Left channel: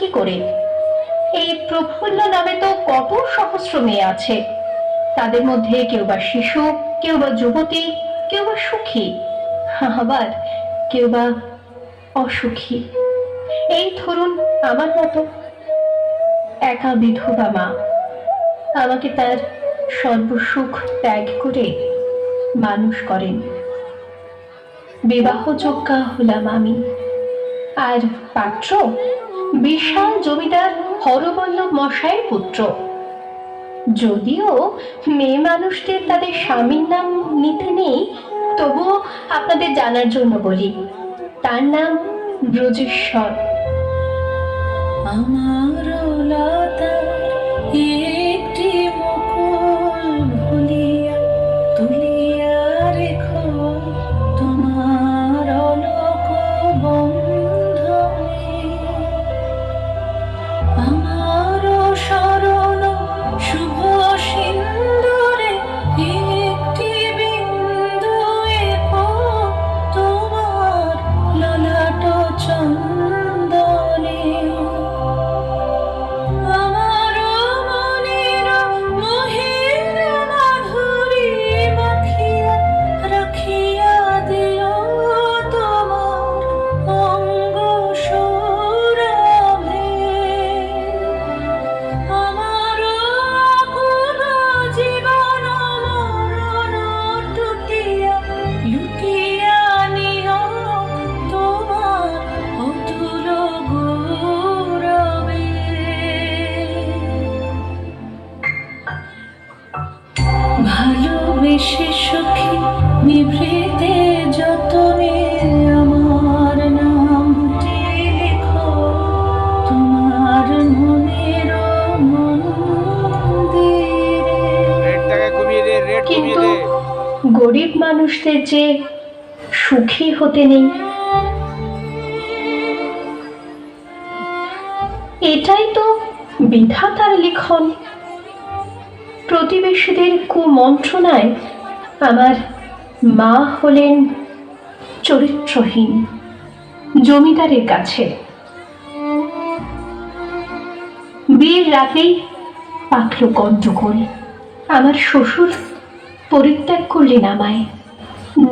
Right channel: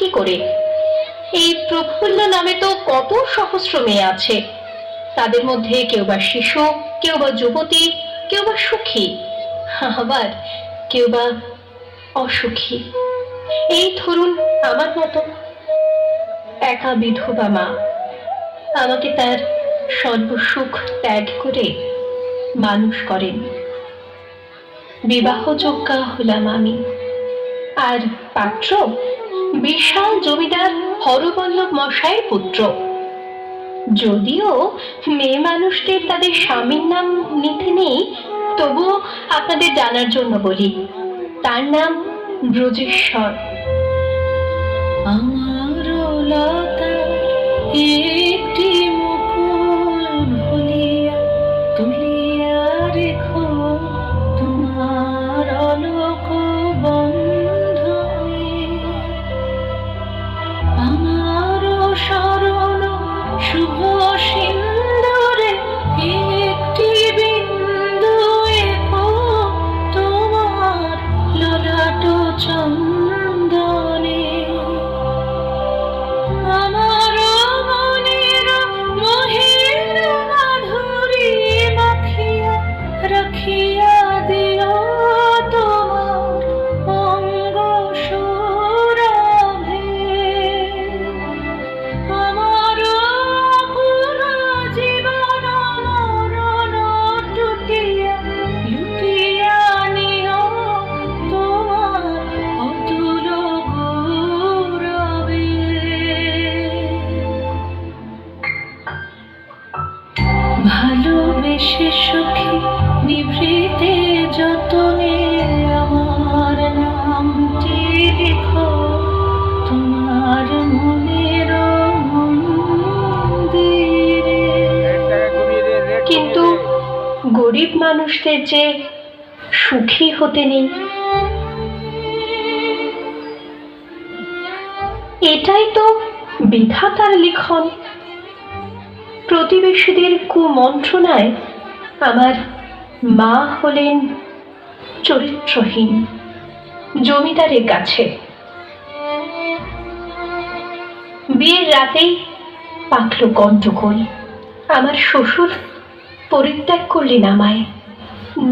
কি করে? এই প্রফুল্ল নামে তো কত সহস্র মেয়ে আছে, তাদের মধ্যে কেউ বা শিশু, কেউ বা যুবতী, কেউ বা সুখী, আবার কেউ বা অসুখী। এই ধরুন আমার মতো একা বিধবা মা, আমাকে তার সর্বসুখ ত্যাগ করে মানুষ করেন। বিবাহযোগ্যা হলাম আমি, আর পাত্র বিশাল জমিদার হরবল্লভ মশাইয়ের পুত্র। যদিও মেয়ে মানুষদের তাদের স্বামীর নাম নিতে নেই, তবুও আপনাদের জানার জন্য বলি, তার নাম ব্রজেশ্বর। আমার লতা একটি মুকুল ভুলিয়া তুলিয়া রেখো তোমার অলোক বন্ধনে। আমার শরণ শুভ সিন্দুরে একটি বিন্দু এঁকো তোমার ললাট চন্দনে। আমার মনের মোহের মাধুরী মাখিয়া রাখিয়া দিল তোমার অঙ্গ সৌরভে। আমার আকুল জীবন মরণ টুটিয়া লুটিয়া নিও তোমার অতুল গৌরবে। ভালোবেসে সখী নিভৃতে যতনে আমার নামটি লেখো তোমার মনের মন্দিরে। কিন্তু গরিব মানুষদের যে সুখী হতে নেই, এটাই তো বিধাতার লিখন। প্রতিবেশীদের কুমন্ত্রণায় আমার মা হলেন চরিত্রহীন জমিদারের কাছে। বিয়ের রাতেই পাকল গন্ডগোল। আমার শ্বশুর পরিত্যাগ করলেন আমায়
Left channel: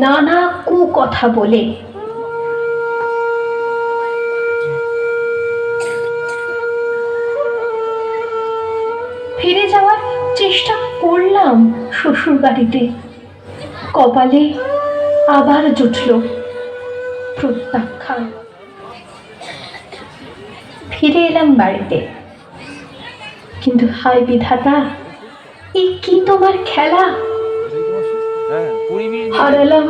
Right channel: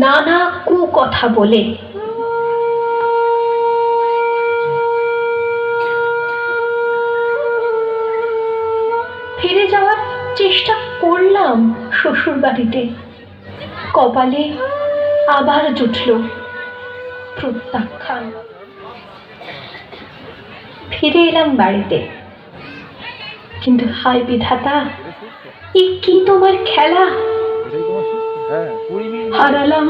নানা কুকথা বলে। ফিরে যাওয়ার চেষ্টা করলাম শ্বশুর বাড়িতে, কপালে আবার জুটল প্রত্যাখ্যান। ফিরে এলাম বাড়িতে, কিন্তু হায় বিধাতা, এ কি তোমার খেলা! হারালাম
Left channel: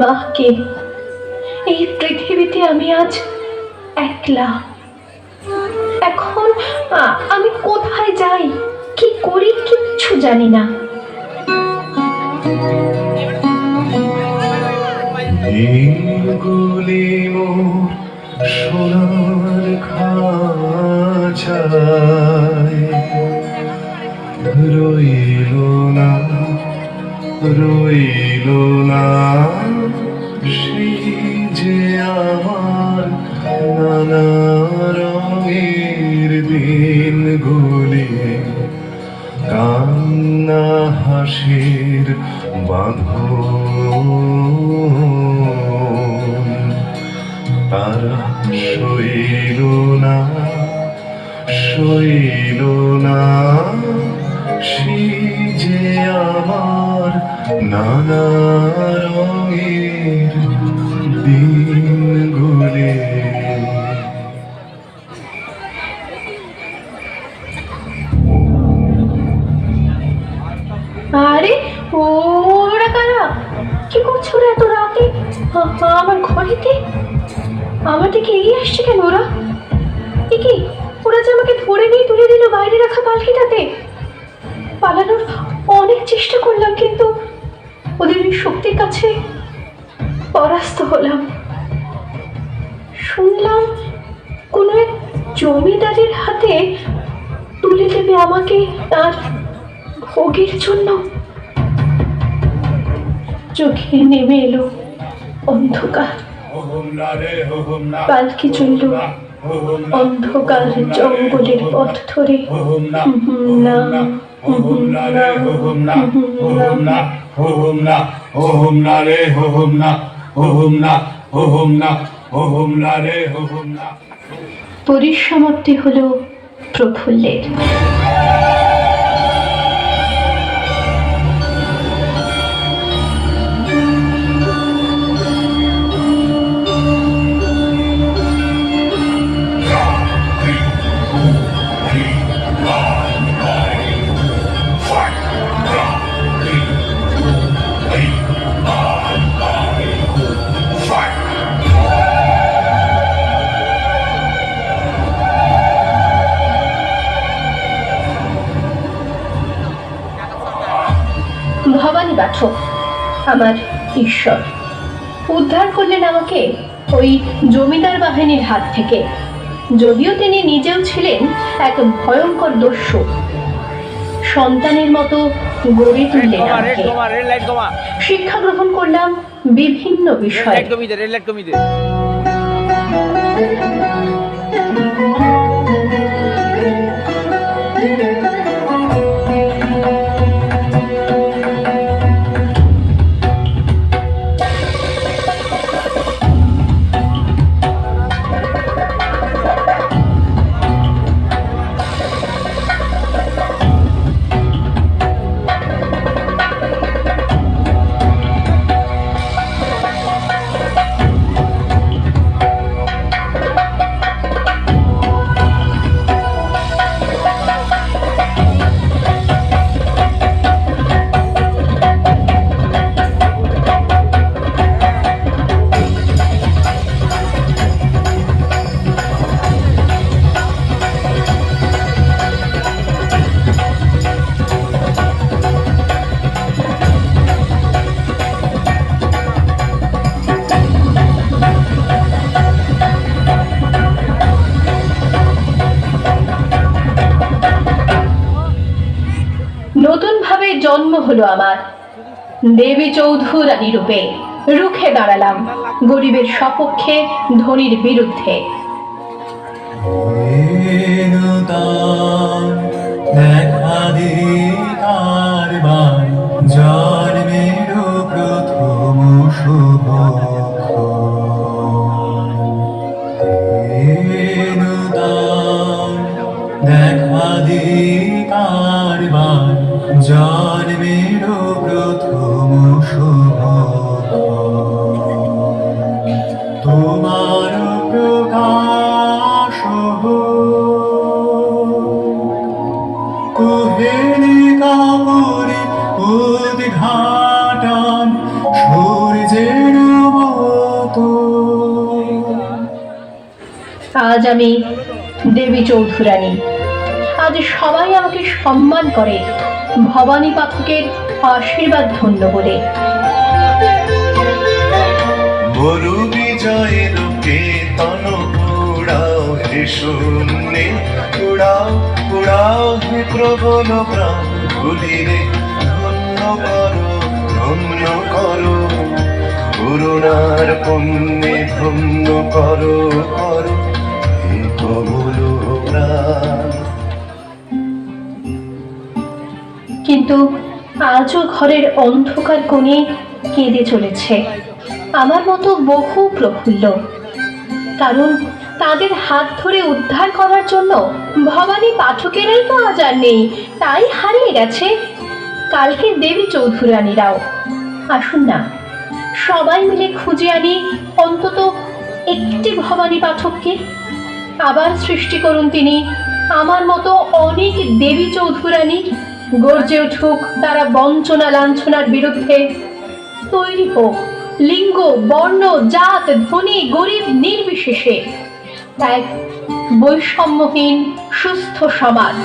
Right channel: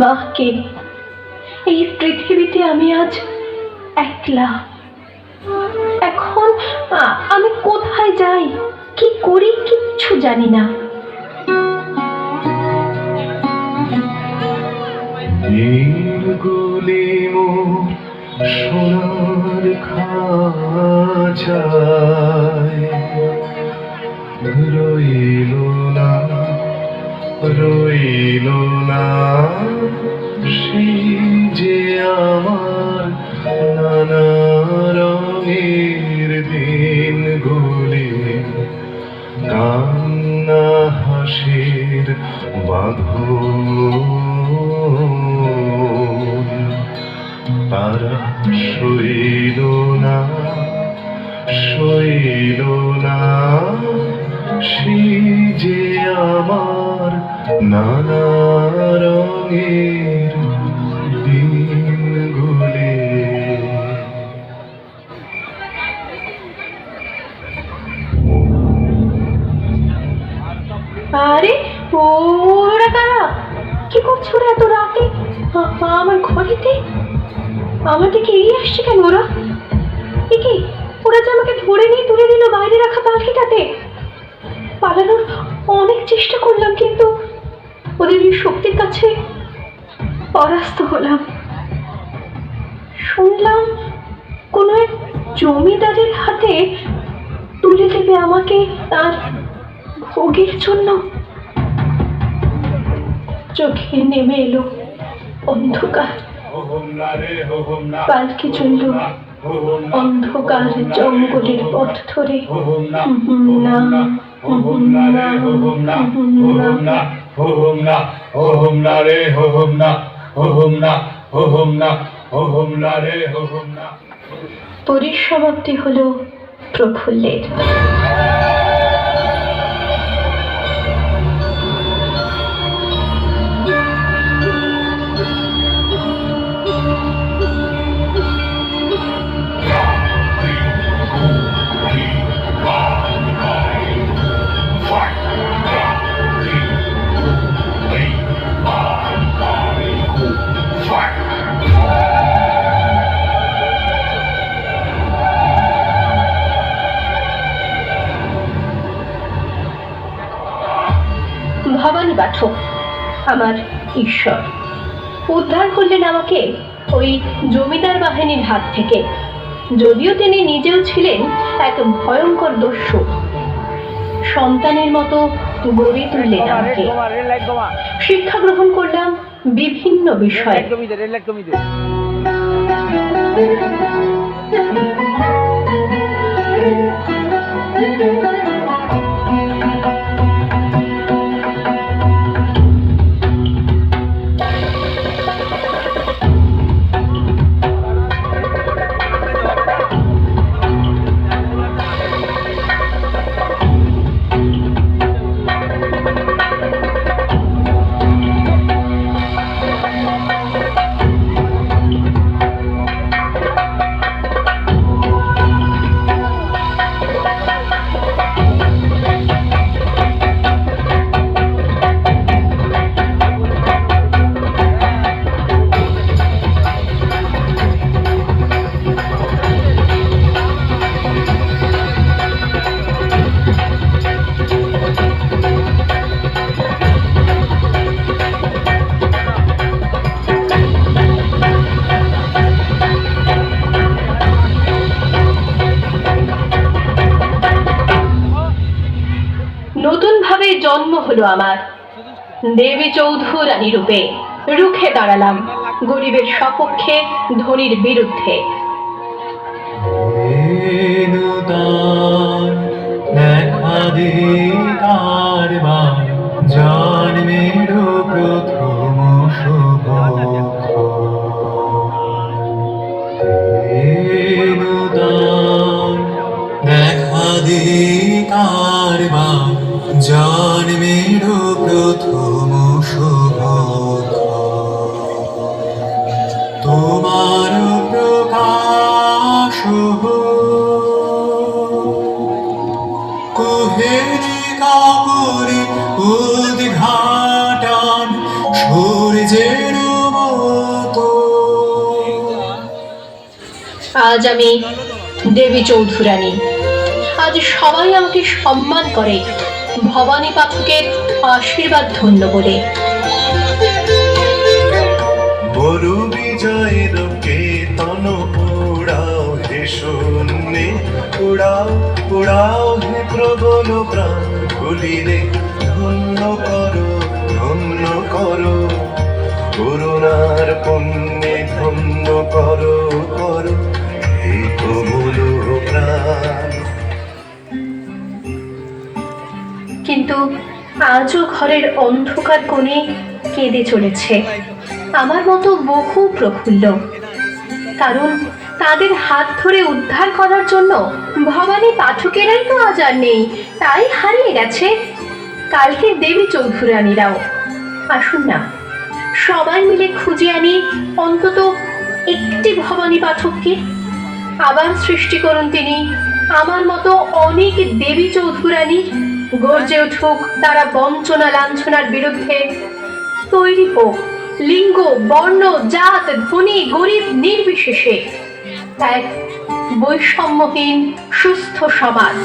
মাকে। এই পৃথিবীতে আমি আজ একলা। এখন আমি কোথায় যাই, কি করি, কিচ্ছু জানি না। নীলগুলি মোর সোনার খাঁচায় রইল না, রইল না সেই যে আমার নানা রঙের দিনগুলি, কান্না হাসির বাঁধন। তারা সইল না, সইল না সেই যে আমার নানা রঙের দিনগুলি। আরে ওরা কারা? কি করছো ওরা এত রাতে আমার ঘরেতে? আমার দিকে এগিয়ে আসছে কেন ওরা? এ কি, ওরা যে আমাকে ধরে নিয়ে তুলে দিল বাইরে রাখা পালকিটাতে। পালানোর অনেক চেষ্টা করলাম, কিন্তু ওদের ওই শক্তির কাছে পরাস্ত হলাম। শুনলাম কোনো এক জমিদারের হাতে তুলে দেবে আমাকে তার ভোগের জন্য। চোখে নেমে এলো অন্ধকার, পালকি চলল অন্ধকার জঙ্গলের পথ ধরে না পরিসমাপ্তি হলো প্রফুল্লের। ভবানী পাঠক আমার ঈশ্বর, উদ্ধার করলেন আমাকে ওই জমিদার বাহিনীর হাত থেকে, যদিও তিনি নিজেও ছিলেন এক ভয়ঙ্কর দস্যু। সন্তানের মতো গড়ে তুললেন আমাকে। শিক্ষা গ্রহণ করলাম বিভিন্ন বিষয়ে। নতুন ভাবে জন্ম হলো আমার। দেবী চৌধুরানী রূপে রুখে দাঁড়ালাম গরিবের সপক্ষে, ধনীর বিরুদ্ধে। দেখা দে কারবার জন্মের প্রথম শুভ দেখা দে কারবার জন্মের প্রথম শুভ তোমার প্রকাশ কোহেলি কাপুরে উদ্ঘাটন সূর্যের মতো। আজ আমি দেবী চৌধুরানী, আজ সবাই আমাকে সম্মান করে ভবানী পাঠকের আশীর্বাদ ধন্য বলে। বরু বিজয়ের কেতন উড়াও হে শূন্যে, উড়াও উড়াও হে প্রবল প্রাণ ভুলিরে, ধন্য করো ধন্য করো করুণার পুণ্যে, ধন্য করো করো হে প্রবল প্রাণ। কিন্তু আজও ঘরের অন্ধকার কোণে কেঁদে চলেছে আমার মতো বহু প্রফুল্ল, কারণ তাদের হাত ধরে উদ্ধার করার জন্য ভবানী পাঠকেরাই তো আজ আর নেই, তাই হারিয়ে গেছে কালকে দেবী চৌধুরানীরাও। আসুন না সবাই মিলে খুঁজে আনি অন্তত একটি ভবানী পাঠককে, আবার সৃষ্টি করুন তিনি আমার মতো অনেক দেবী চৌধুরানী। গর্জে উঠুক তারা বঞ্চনা লাঞ্ছনার বিরুদ্ধে। তৈরি হোক লিঙ্গ, বর্ণ, জাত, ধনী গরিব নির্বিশেষে এক বৈষম্যহীন সুস্থ সমাজ।